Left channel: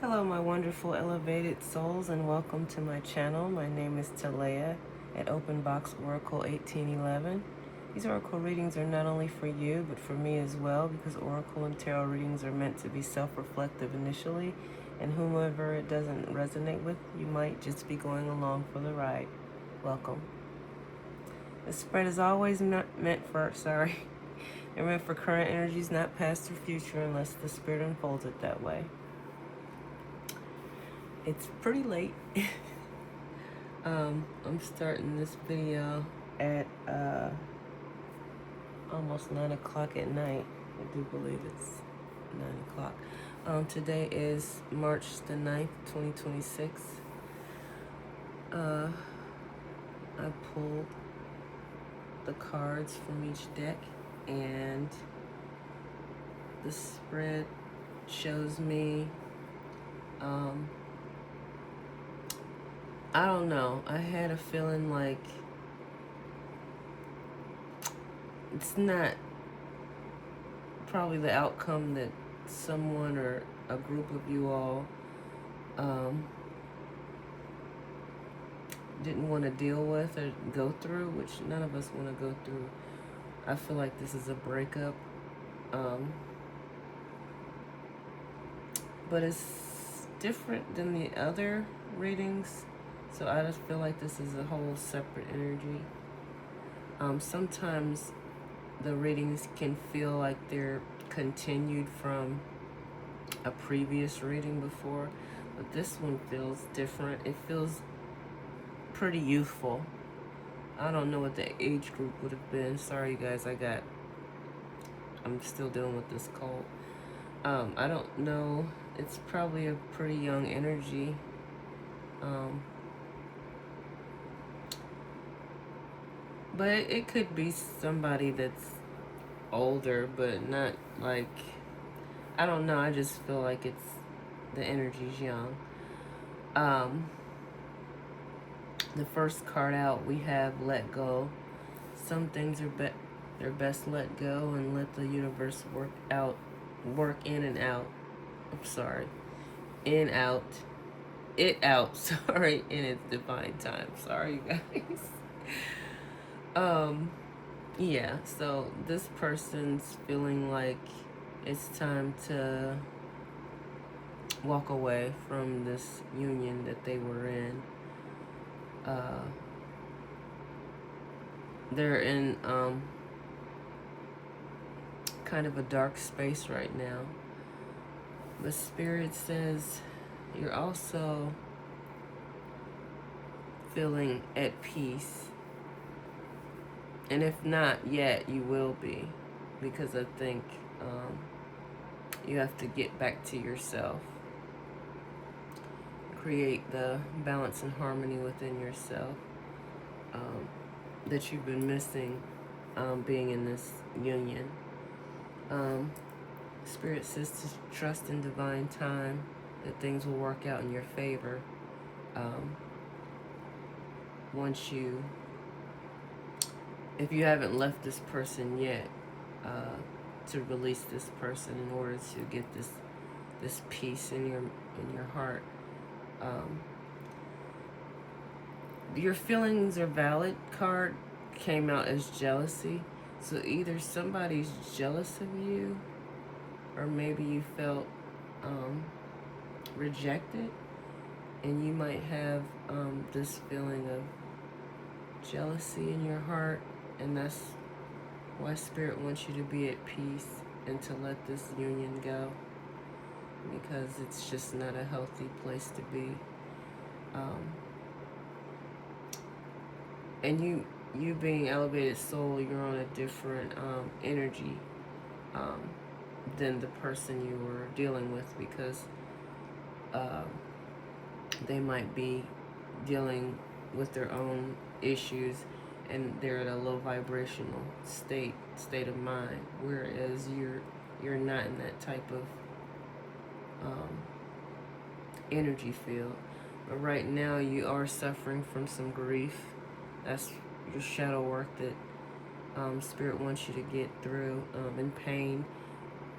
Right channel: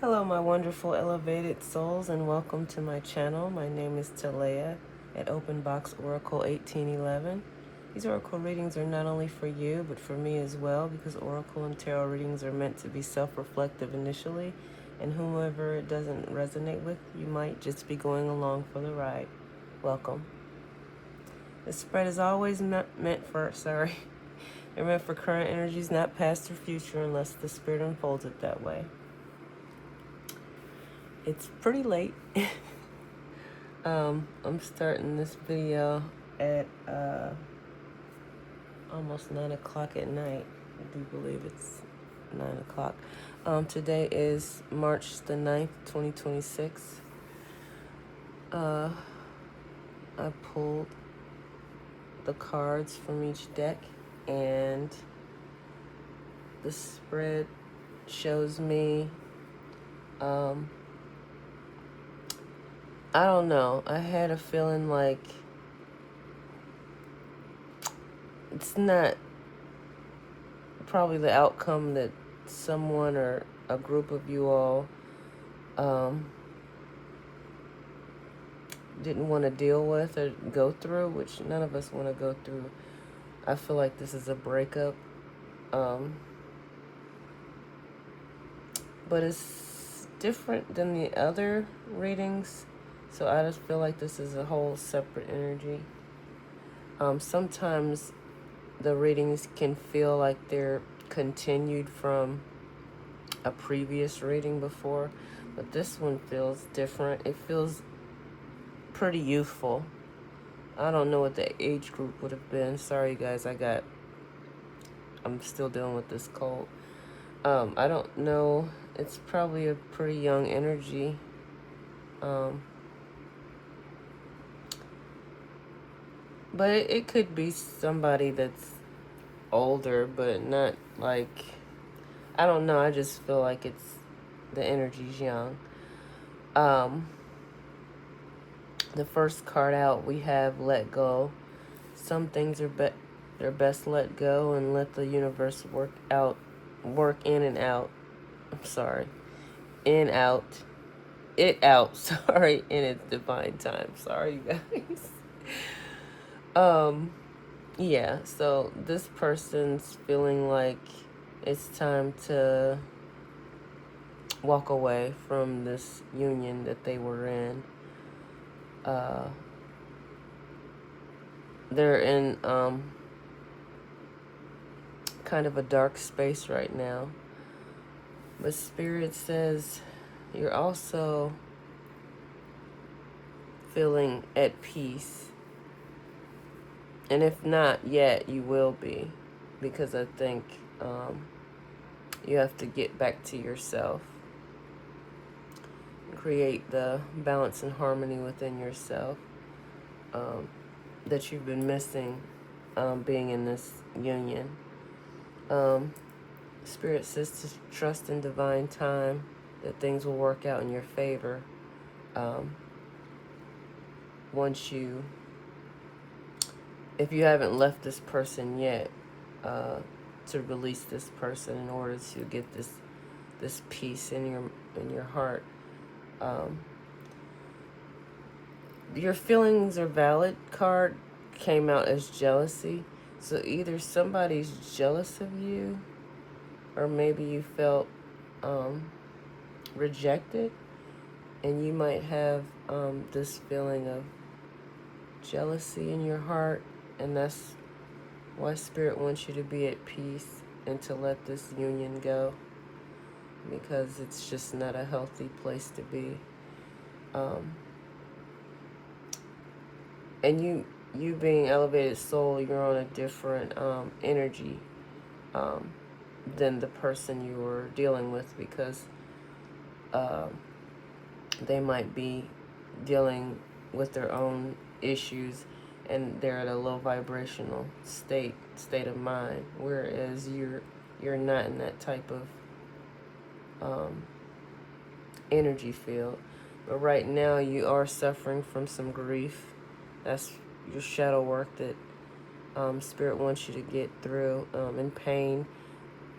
Hello, my wonderful elevated souls, and welcome to my channel. My name is Talea at Open Box Oracle 1811. These oracle readings are not only for you, but for me as well, because oracle and tarot readings are meant to be self-reflective initially, and whomever it doesn't resonate with, you might just be going along for the ride. Welcome. The spread is always meant for, they're meant for current energies, not past or future, unless the spirit unfolds it that way. It's pretty late. I'm starting this video at almost 9 o'clock at night. I do believe it's 9 o'clock. Today is March the 9th, 2026. I pulled the cards from each deck, and the spread shows me I don't know. I had a feeling like it's not probably the outcome that someone or a group of you all didn't want to deal with or go through, which none of us want to go through. I feel like this is a breakup. But it's different than the other readings. So I just feel like this is a whole separate energy. Sometimes the readings can feel like they're continued from a previous reading before, but this one feels different. It feels pretty youthful. I don't know what the age group would have been. Sorry guys, I'm still dealing with this cold. I don't know. It's probably a pretty young energy. But it could be somebody that's older, but not like, I don't know. I just feel like the energy's young. The first card out, we have let go. Some things they're best let go and let the universe work in and out. I'm sorry. In, out. It out, sorry, in its divine time. Sorry, you guys. Yeah, so this person's feeling like it's time to walk away from this union that they were in. They're in kind of a dark space right now. But Spirit says you're also feeling at peace. And if not yet, you will be. Because I think you have to get back to yourself. Create the balance and harmony within yourself that you've been missing being in this union. Spirit says to trust in divine time, that things will work out in your favor once if you haven't left this person yet, to release this person in order to get this peace in your heart. Your feelings are valid card came out as jealousy. So either somebody's jealous of you, or maybe you felt rejected, and you might have this feeling of jealousy in your heart, and that's why Spirit wants you to be at peace and to let this union go, because it's just not a healthy place to be. And you being elevated soul, you're on a different energy than the person you were dealing with, because they might be dealing with their own issues, and they're at a low vibrational state of mind, whereas you're not in that type of energy field. But right now you are suffering from some grief. That's your shadow work that Spirit wants you to get through. In pain,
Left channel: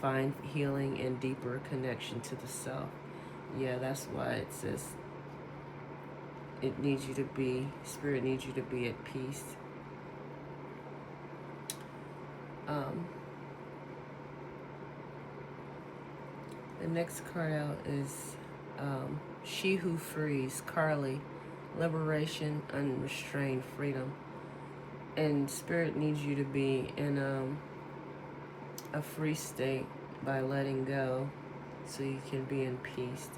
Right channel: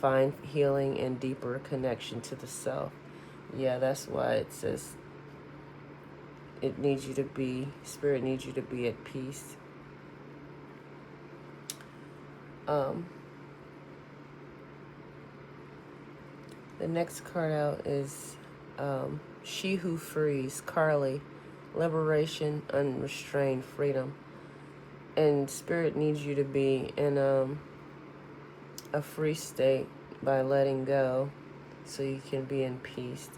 find healing and deeper connection to the self. Yeah, that's why it says it needs you to be, Spirit needs you to be at peace. The next card out is She Who Frees, Carly, Liberation, Unrestrained Freedom. And Spirit needs you to be in a free state by letting go so you can be in peace.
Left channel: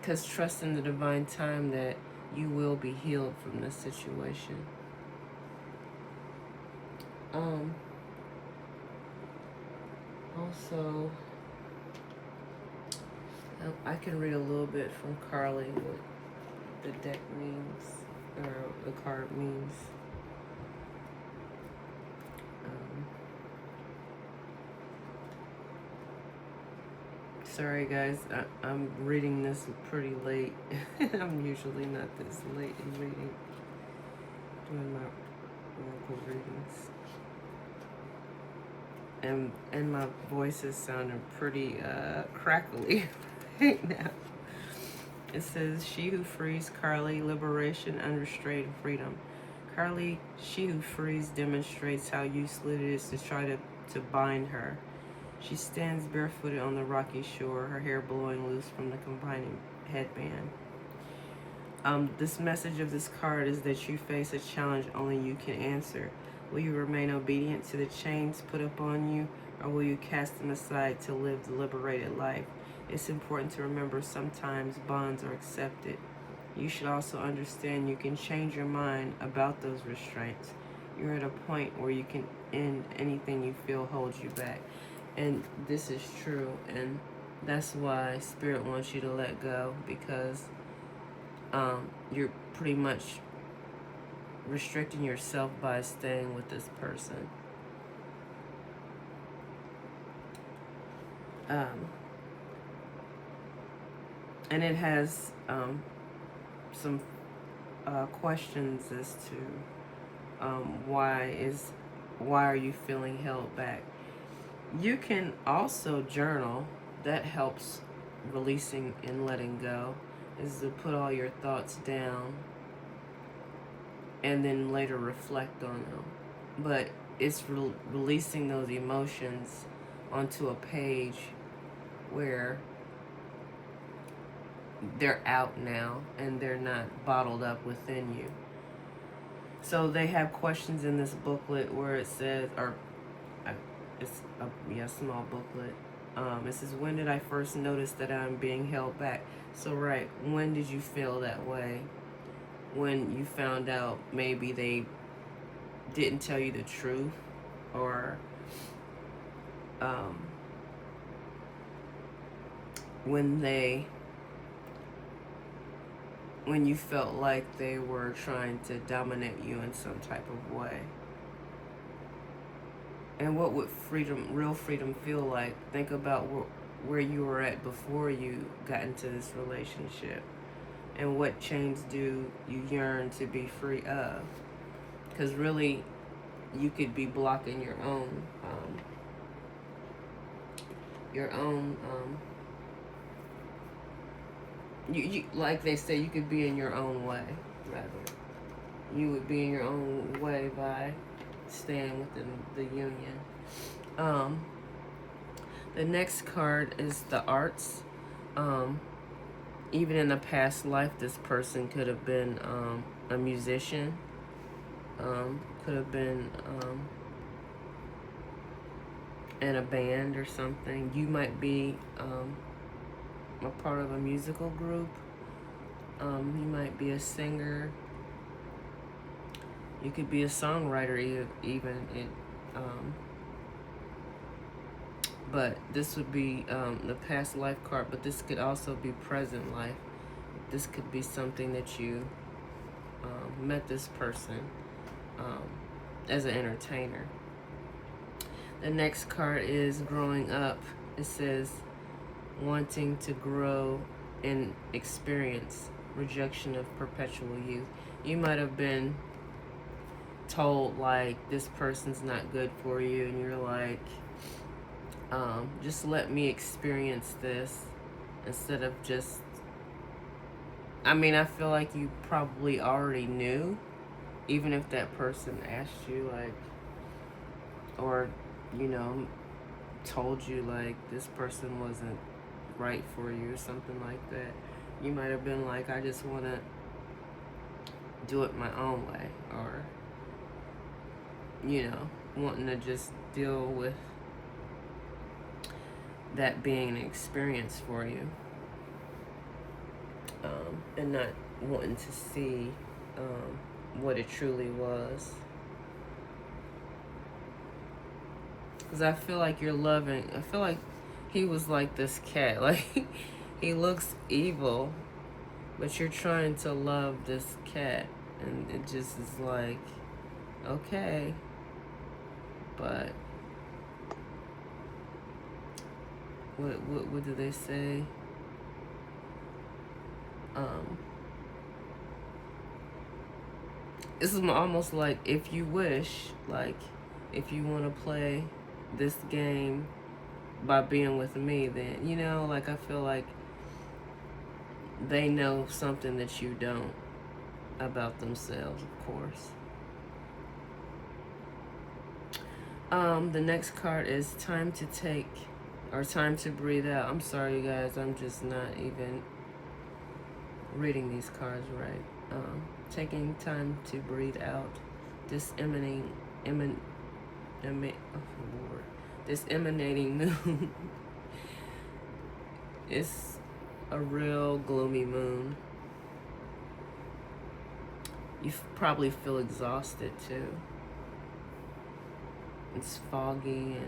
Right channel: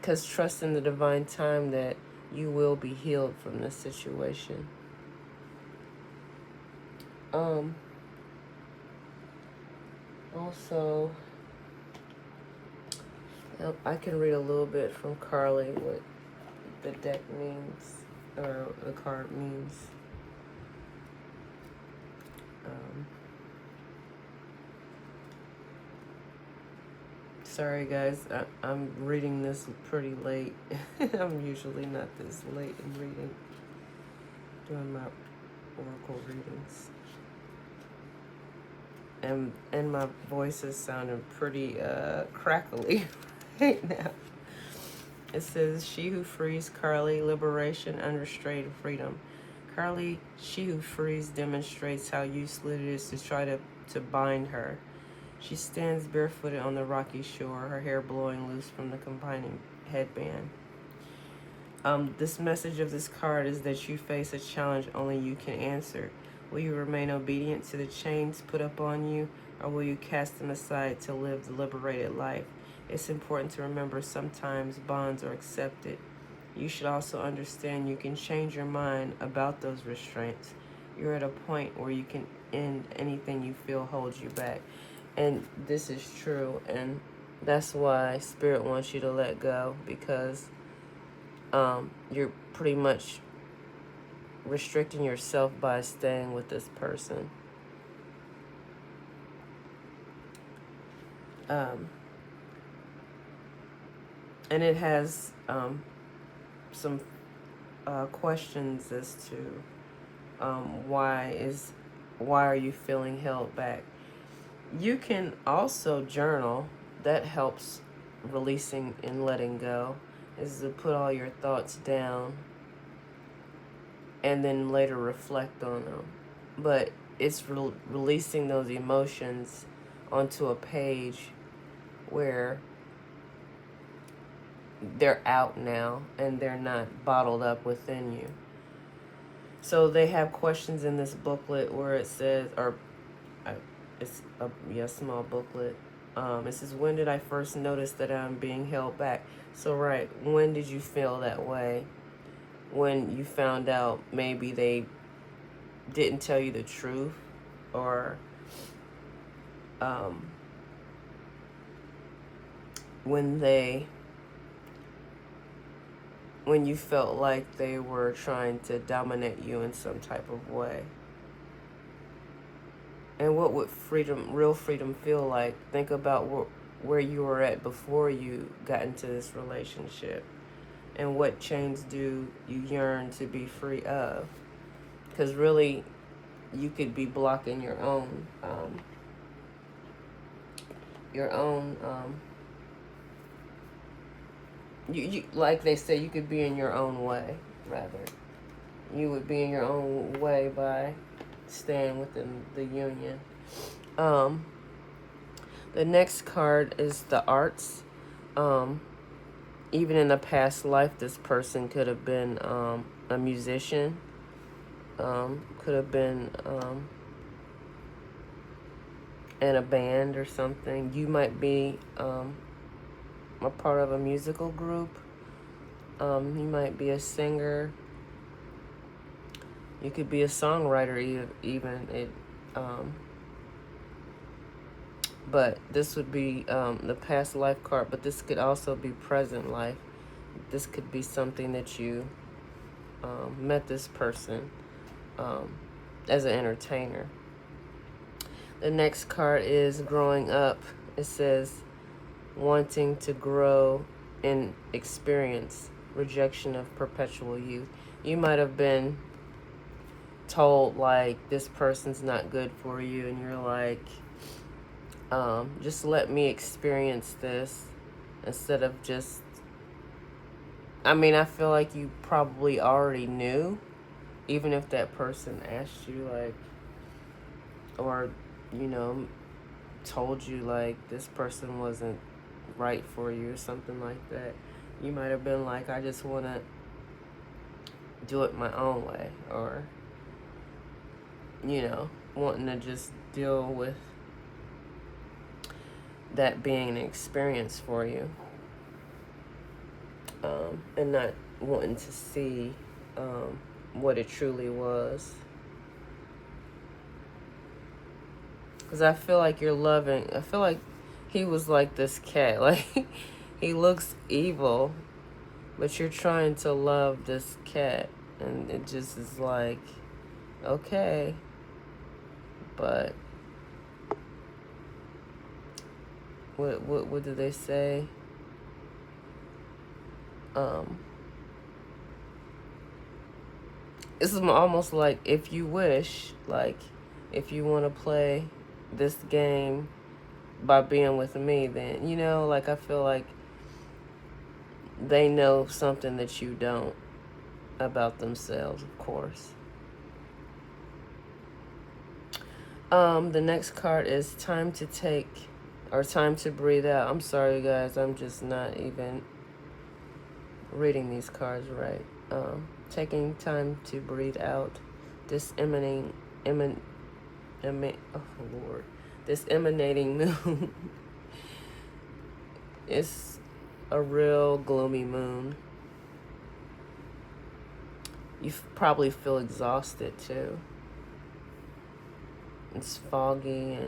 Because trust in the divine time that you will be healed from this situation. Also, I can read a little bit from Carly what the deck means, or the card means. Sorry guys, I'm reading this pretty late. I'm usually not this late in reading, doing my oracle readings. And my voice is sounding pretty crackly right now. It says, She Who Frees, Carly, Liberation, Unrestrained Freedom. Carly, she who frees, demonstrates how useless it is to try to bind her. She stands barefooted on the rocky shore, her hair blowing loose from the confining headband. This message of this card is that you face a challenge only you can answer. Will you remain obedient to the chains put upon you, or will you cast them aside to live the liberated life? It's important to remember sometimes bonds are accepted. You should also understand you can change your mind about those restraints. You're at a point where you can end anything you feel holds you back. And this is true, and that's why Spirit wants you to let go, because you're pretty much restricting yourself by staying with this person. And it has some questions as to why are you feeling held back. You can also journal. That helps releasing and letting go, is to put all your thoughts down and then later reflect on them. But it's releasing those emotions onto a page where they're out now and they're not bottled up within you. So they have questions in this booklet where it says, it's a small booklet. It says, when did I first notice that I'm being held back? So right, when did you feel that way? When you found out maybe they didn't tell you the truth, or when you felt like they were trying to dominate you in some type of way. And what would real freedom feel like? Think about where you were at before you got into this relationship. And what chains do you yearn to be free of? Because really, you could be blocking your own you like they say, you could be in your own way, rather. You would be in your own way by staying within the union. The next card is the arts. Even in a past life, this person could have been a musician, could have been in a band or something. You might be a part of a musical group. You might be a singer. You could be a songwriter even. But this would be the past life card, but this could also be present life. This could be something that you met this person as an entertainer. The next card is growing up. It says wanting to grow in experience, rejection of perpetual youth. You might have been told like this person's not good for you, and you're like, just let me experience this instead of just, I mean, I feel like you probably already knew, even if that person asked you, like, or, you know, told you, like, this person wasn't right for you or something like that. You might have been like, I just want to do it my own way, or, you know, wanting to just deal with that being an experience for you, and not wanting to see what it truly was. Because I feel like you're loving, I feel like he was like this cat, like he looks evil, but you're trying to love this cat, and it just is like, okay, but what do they say? This is almost like, if you wish, like, if you want to play this game by being with me, then, you know, like, I feel like they know something that you don't about themselves, of course. The next card is time to take, or time to breathe out. I'm sorry, guys, I'm just not even reading these cards right. Taking time to breathe out. This emanating moon. It's a real gloomy moon. You probably feel exhausted too. It's foggy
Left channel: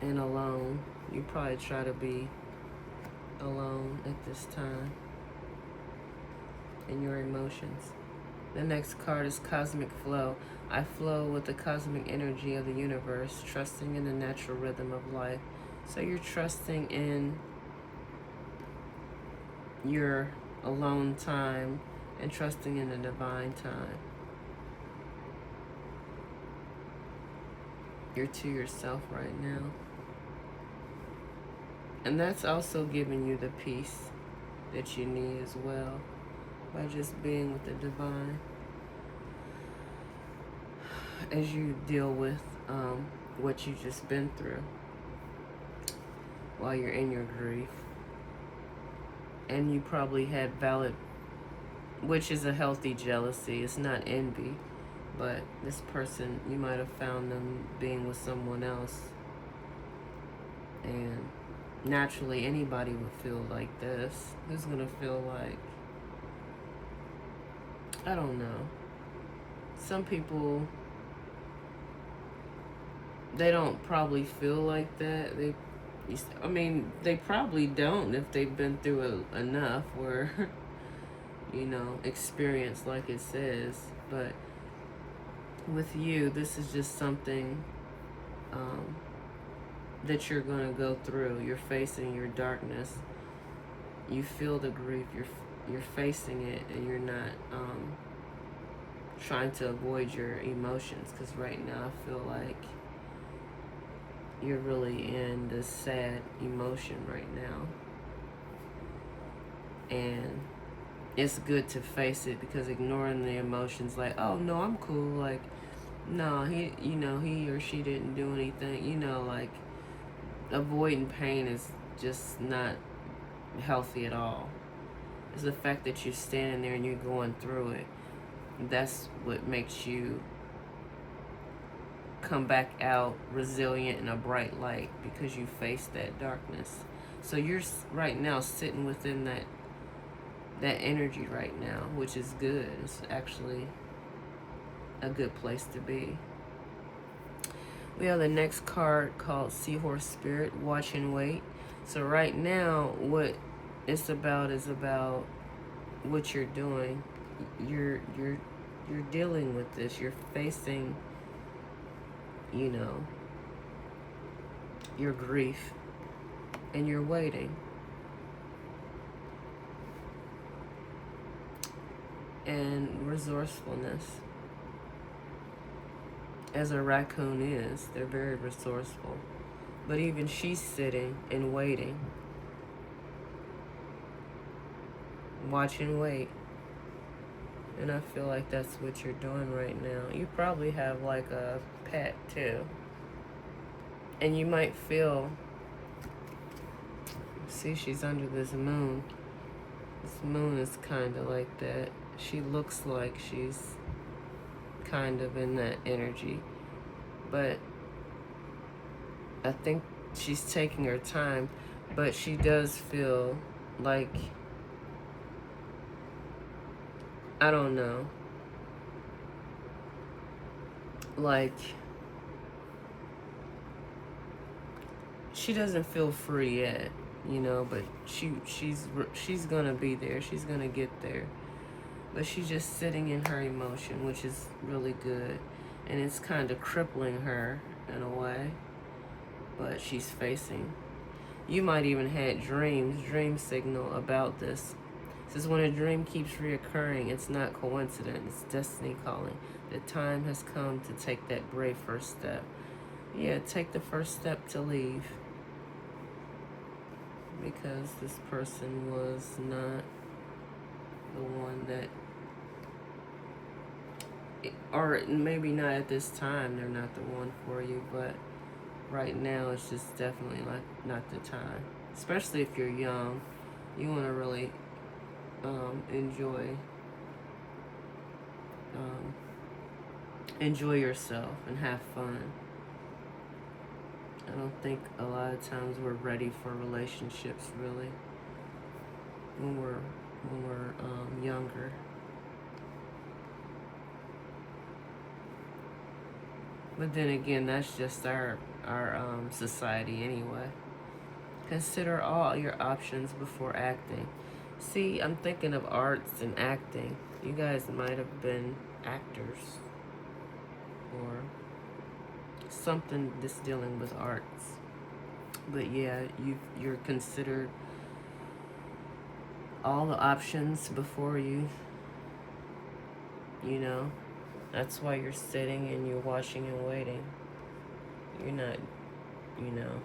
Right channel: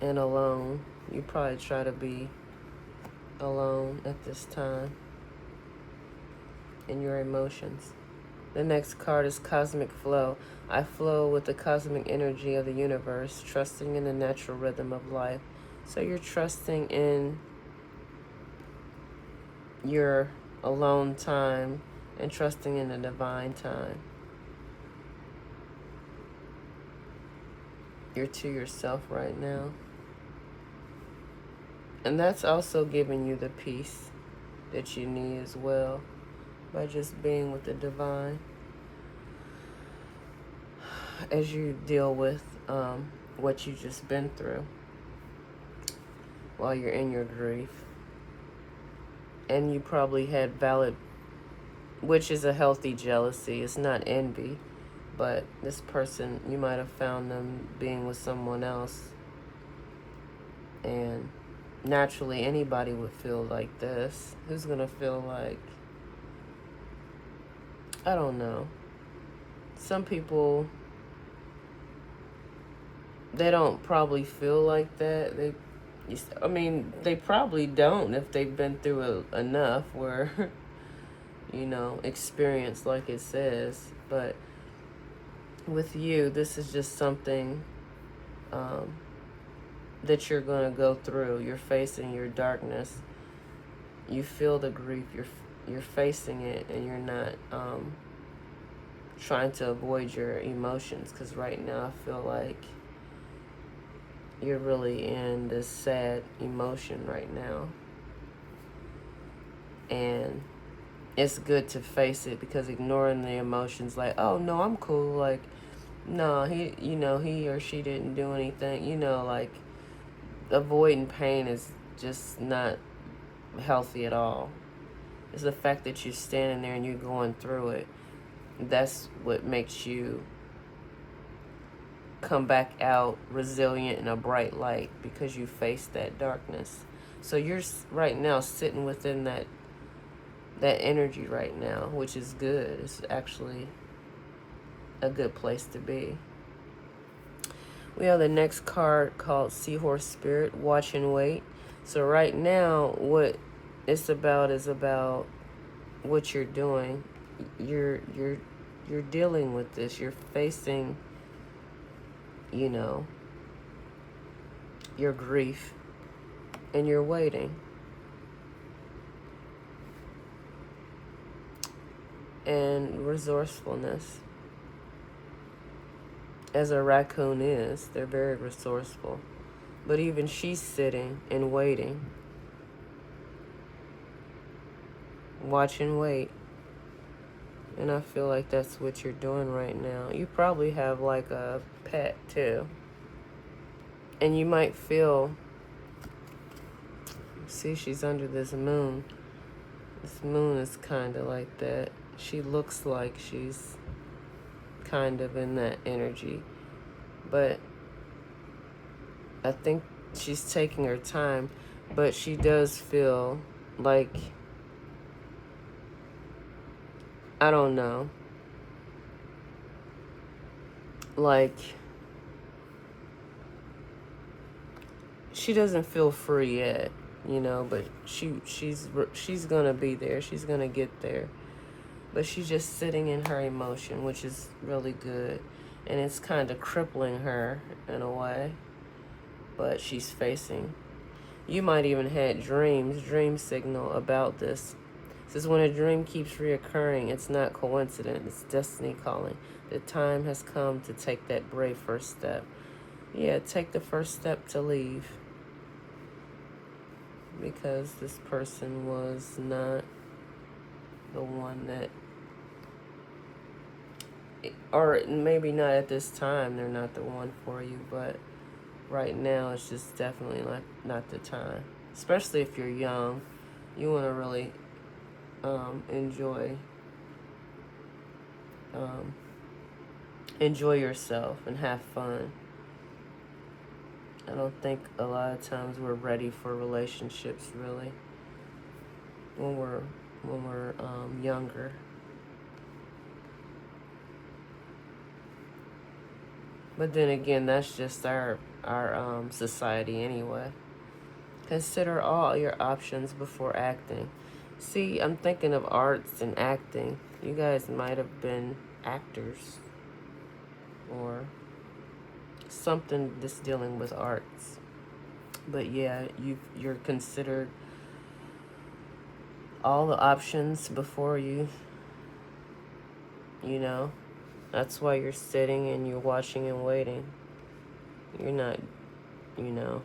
and alone. You probably try to be alone at this time in your emotions. The next card is cosmic flow. I flow with the cosmic energy of the universe, trusting in the natural rhythm of life. So you're trusting in your alone time and trusting in the divine time. You're to yourself right now. And that's also giving you the peace that you need as well, by just being with the divine as you deal with what you've just been through while you're in your grief. And you probably had valid, which is a healthy jealousy. It's not envy, but this person, you might have found them being with someone else. And naturally, anybody would feel like this. Who's gonna feel like, I don't know. Some people, they don't probably feel like that. They probably don't if they've been through enough where, you know, experience, like it says. But with you, this is just something that you're going to go through. You're facing your darkness. You feel the grief. You're facing it, and you're not trying to avoid your emotions, because right now I feel like you're really in this sad emotion right now. And it's good to face it, because ignoring the emotions, like, oh no, I'm cool, like, no, he or she didn't do anything, like, avoiding pain is just not healthy at all. It's the fact that you're standing there and you're going through it. That's what makes you come back out resilient and a bright light, because you face that darkness. So you're right now sitting within that energy right now, which is good. It's actually a good place to be. We have the next card called Seahorse Spirit, Watch and Wait. So right now, what it's about is about what you're doing. You're dealing with this. You're facing, your grief, and you're waiting. And resourcefulness. As a raccoon is, they're very resourceful. But even she's sitting and waiting. Watch and wait. And I feel like that's what you're doing right now. You probably have like a pet too. And you might feel, see, she's under this moon. This moon is kind of like that. She looks like she's kind of in that energy. But I think she's taking her time. But she does feel like, I don't know, like she doesn't feel free yet, you know, but she's gonna be there. She's gonna get there. But she's just sitting in her emotion, which is really good. And it's kind of crippling her in a way. But she's facing. You might even had dream signal about this. It says when a dream keeps reoccurring, it's not coincidence, it's destiny calling. The time has come to take that brave first step. Yeah, take the first step to leave. Because this person was not the one that, or maybe not at this time, they're not the one for you, but right now it's just definitely not the time. Especially if you're young, you want to really enjoy yourself and have fun. I don't think a lot of times we're ready for relationships really when we're younger. But then again, that's just our society anyway. Consider all your options before acting. See, I'm thinking of arts and acting. You guys might have been actors or something that's dealing with arts. But yeah, you're considered all the options before you. You know, that's why you're sitting and you're watching and waiting. You're not, you know,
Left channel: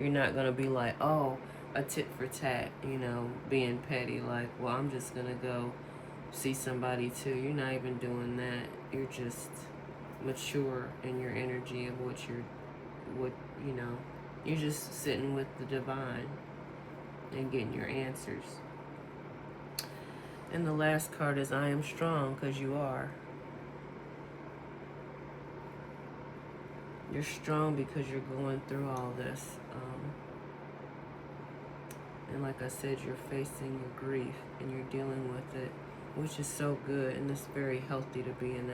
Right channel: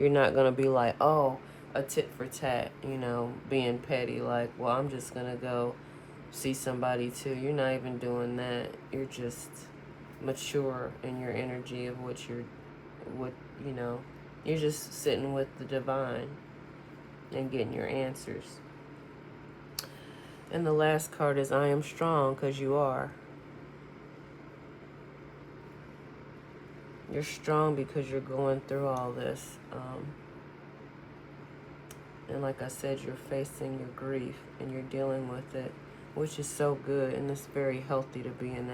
you're not gonna be like, oh, a tit for tat, you know, being petty, like, well, I'm just gonna go see somebody too. You're not even doing that. You're just mature in your energy of what you know, you're just sitting with the divine and getting your answers. And the last card is I am strong, because you are. You're strong because you're going through all this. And like I said, you're facing your grief and you're dealing with it, which is so good, and it's very healthy to be in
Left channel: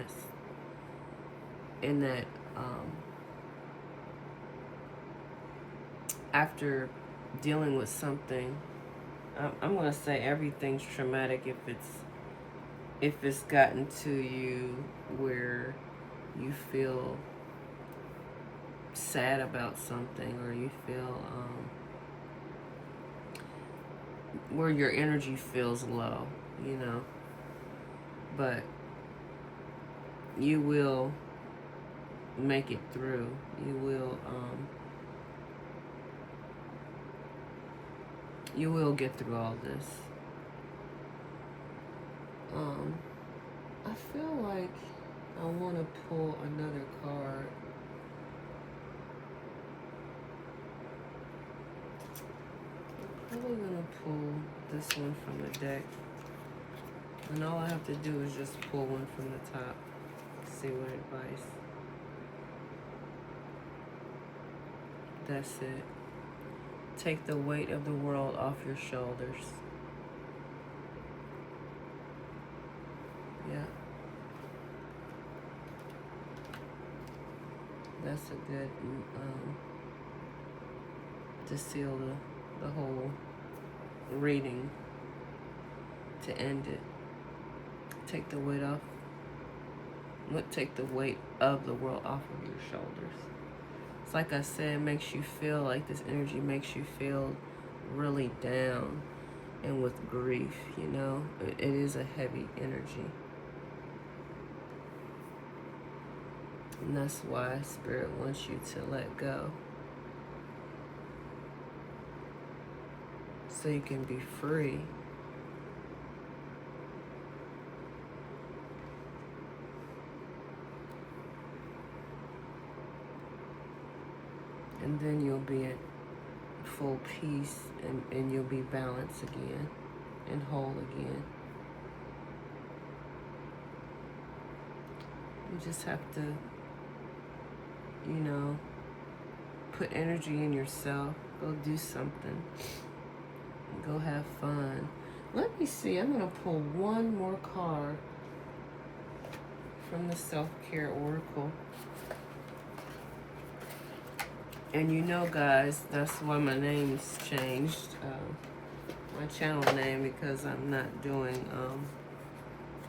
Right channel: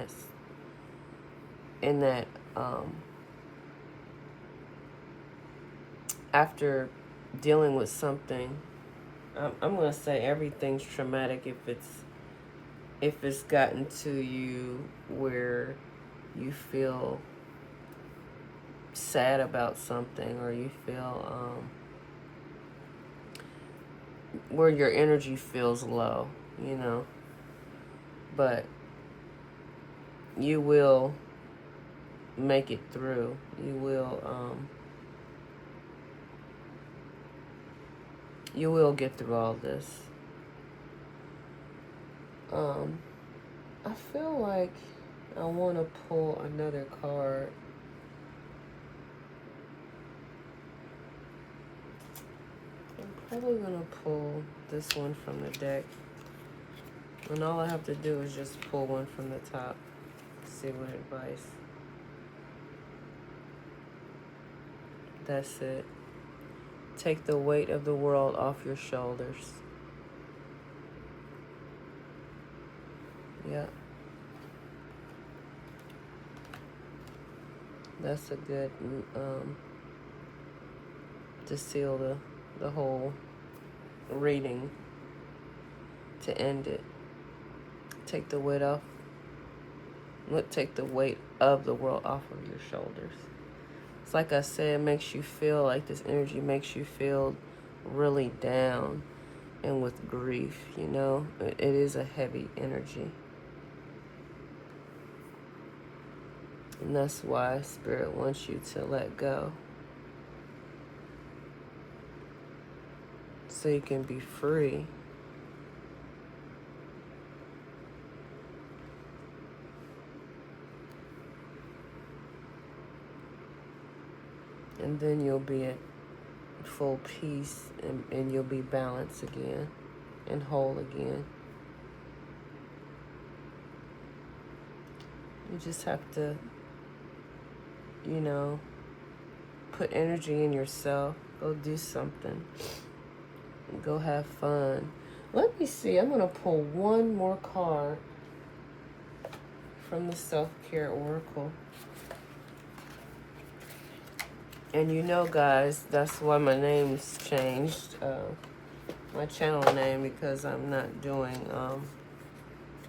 that after dealing with something. I'm gonna say everything's traumatic if it's gotten to you where you feel sad about something, or you feel where your energy feels low, you know. But you will make it through. You will get through all this. I feel like I want to pull another card. I'm probably going to pull this one from the deck. And all I have to do is just pull one from the top. See what advice. That's it. Take the weight of the world off your shoulders. Yeah. That's a good to seal the whole reading, to end it. Take the weight off. Take the weight of the world off of your shoulders. It's like I said, it makes you feel like this energy makes you feel really down and with grief, you know. It is a heavy energy. And that's why Spirit wants you to let go. so you can be free. And then you'll be at full peace, and you'll be balanced again and whole again. You just have to, you know, put energy in yourself. Go do something. Go have fun. Let me see. I'm going to pull one more card from the Self-Care Oracle. And you know, guys, that's why my name's changed. My channel name, because I'm not doing...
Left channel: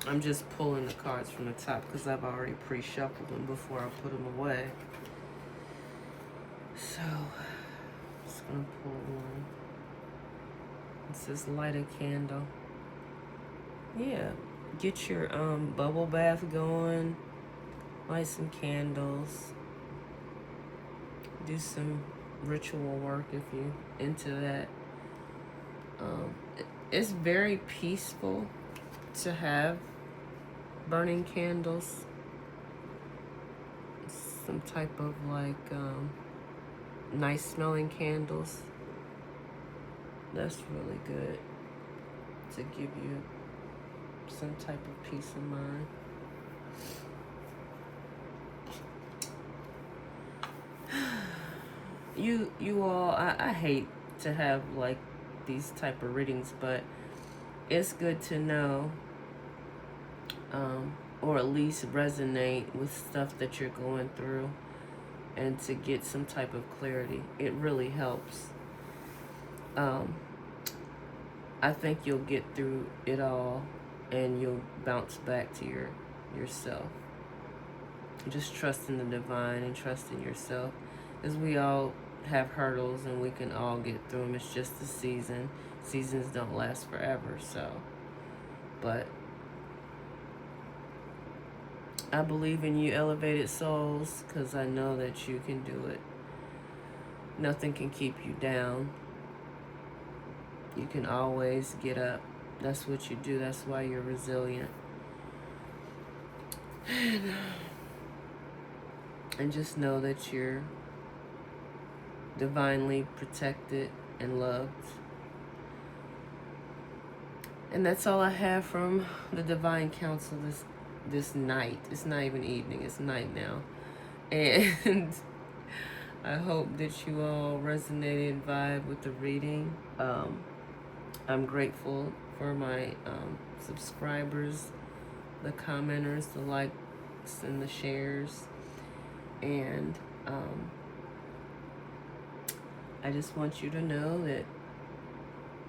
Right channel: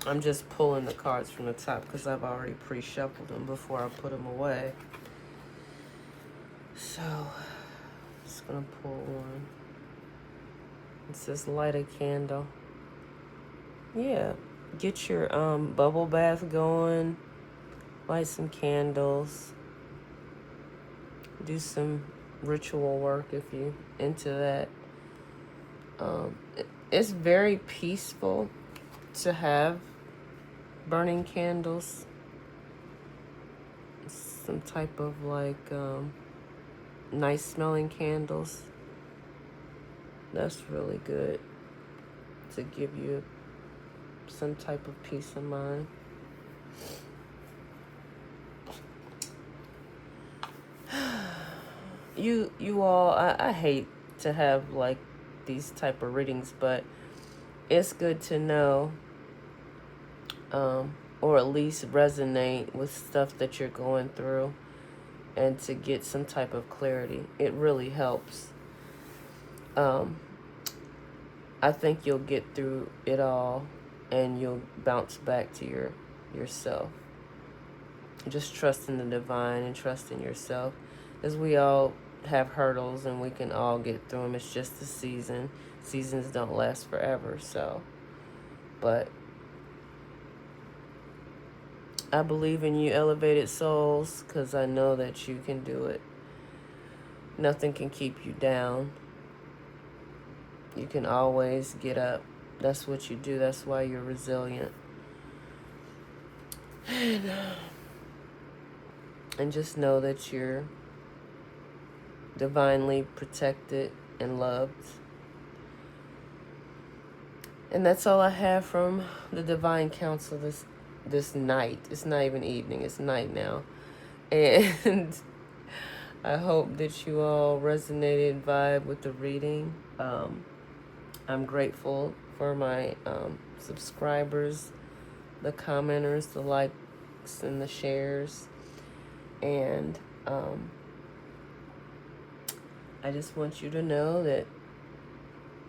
I'm just pulling the cards from the top because I've already pre-shuffled them before I put them away. So, I'm just going to pull one. It says light a candle. Yeah, get your bubble bath going. Light some candles. Do some ritual work if you're into that. It's very peaceful to have burning candles. Some type of like nice smelling candles. That's really good to give you some type of peace of mind. You all, I hate to have like these type of readings, but it's good to know, or at least resonate with stuff that you're going through, and to get some type of clarity. It really helps. I think you'll get through it all, and you'll bounce back to yourself. Just trust in the divine and trust in yourself, as we all have hurdles and we can all get through them. It's just a season. Seasons don't last forever, so. But I believe in you, elevated souls, because I know that you can do it. Nothing can keep you down. You can always get up. That's what you do. That's why you're resilient. And just know that you're divinely protected and loved. And that's all I have from the Divine Council this night. It's not even evening, it's night now. And I hope that you all resonated, vibe with the reading. I'm grateful for my subscribers, the commenters, the likes, and the shares. And I just want you to know that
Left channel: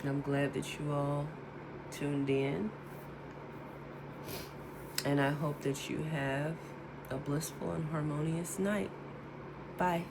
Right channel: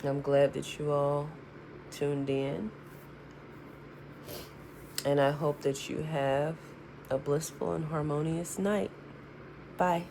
I'm glad that you all tuned in. And I hope that you have a blissful and harmonious night. Bye.